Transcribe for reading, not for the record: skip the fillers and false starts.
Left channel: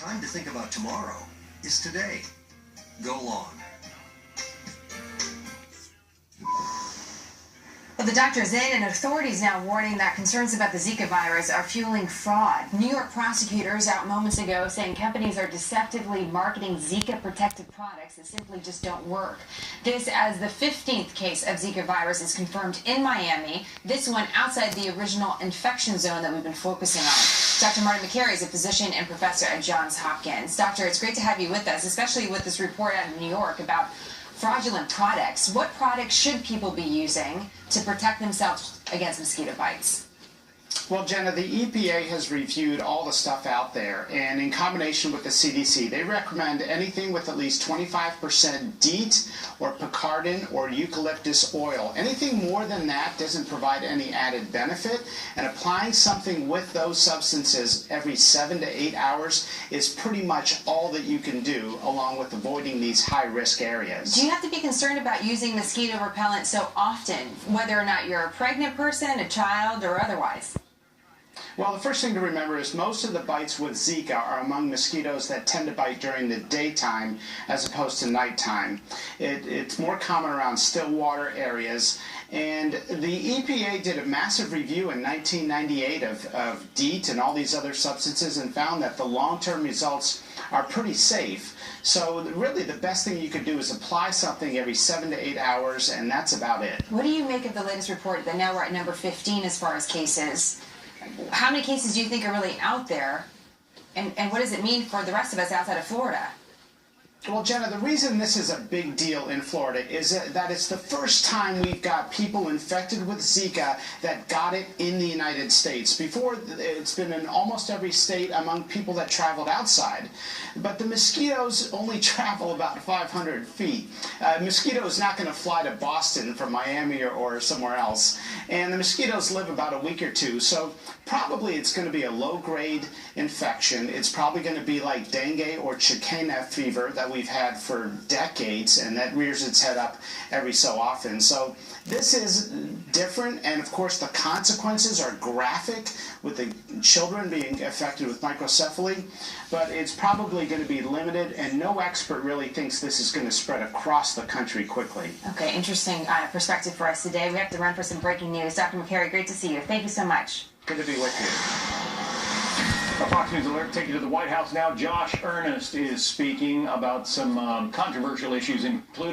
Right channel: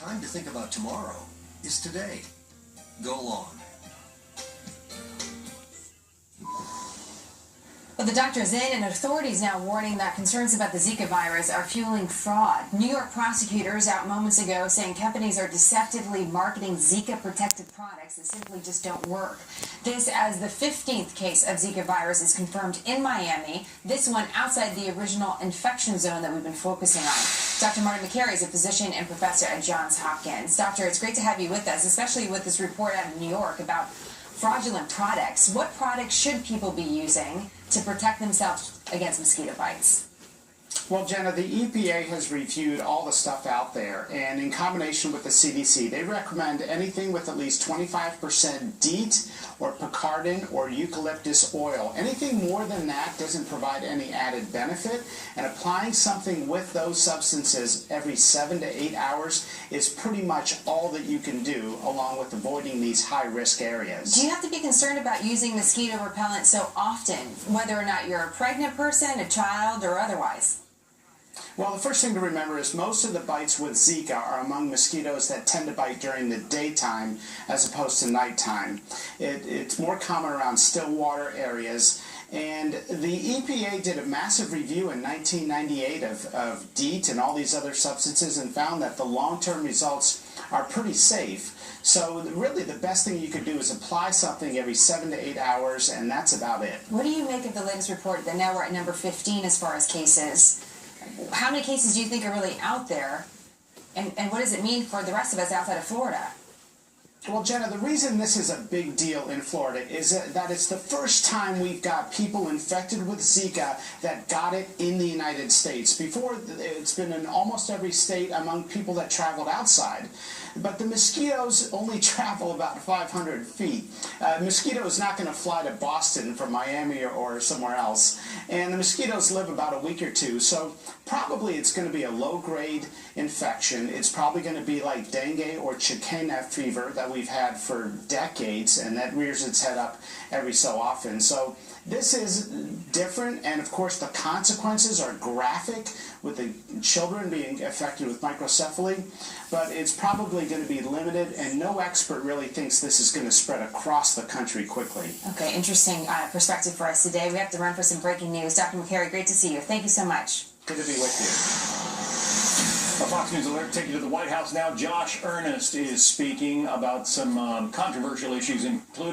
Time to think about tomorrow is today. Go long. Well, the doctor's in, and authorities now warning that concerns about the Zika virus are fueling fraud. New York prosecutors out moments ago saying companies are deceptively marketing Zika-protected products that simply just don't work. This as the 15th case of Zika virus is confirmed in Miami, this one outside the original infection zone that we've been focusing on. Dr. Martin Makary is a physician and professor at Johns Hopkins. Doctor, it's great to have you with us, especially with this report out of New York about fraudulent products. What products should people be using to protect themselves against mosquito bites? Well, Jenna, the EPA has reviewed all the stuff out there, and in combination with the CDC, they recommend anything with at least 25% DEET or picaridin or eucalyptus oil. Anything more than that doesn't provide any added benefit, and applying something with those substances every 7 to 8 hours is pretty much all that you can do, along with avoiding these high-risk areas. Do you have to be concerned about using mosquito repellent so often, whether or not you're a pregnant person, a child, or otherwise? Well, the first thing to remember is most of the bites with Zika are among mosquitoes that tend to bite during the daytime as opposed to nighttime. It's more common around still water areas. And the EPA did a massive review in 1998 of DEET and all these other substances and found that the long-term results are pretty safe. So really the best thing you could do is apply something every 7 to 8 hours, and that's about it. What do you make of the latest report that now we're at number 15 as far as cases? How many cases do you think are really out there, and what does it mean for the rest of us outside of Florida? Well, Jenna, the reason this is a big deal in Florida is that it's the first time we've got people infected with Zika that got it in the United States. Before, it's been in almost every state among people that traveled outside. But the mosquitoes only travel about 500 feet. A mosquito is not going to fly to Boston from Miami or somewhere else. And the mosquitoes live about a week or two, so probably it's going to be a low-grade infection. It's probably going to be like dengue or chikungunya fever that we've had for decades, and that rears its head up every so often. So this is different, and of course the consequences are graphic with the children being affected with microcephaly, but it's probably going to be limited, and no expert really thinks this is going to spread across the country quickly. Okay, interesting perspective for us today. We have to run for some breaking news. Dr. Makary, great to see you. Thank you so much. Good to be with you. Our Fox News Alert take you to the White House now. Josh Earnest is speaking about some controversial issues, including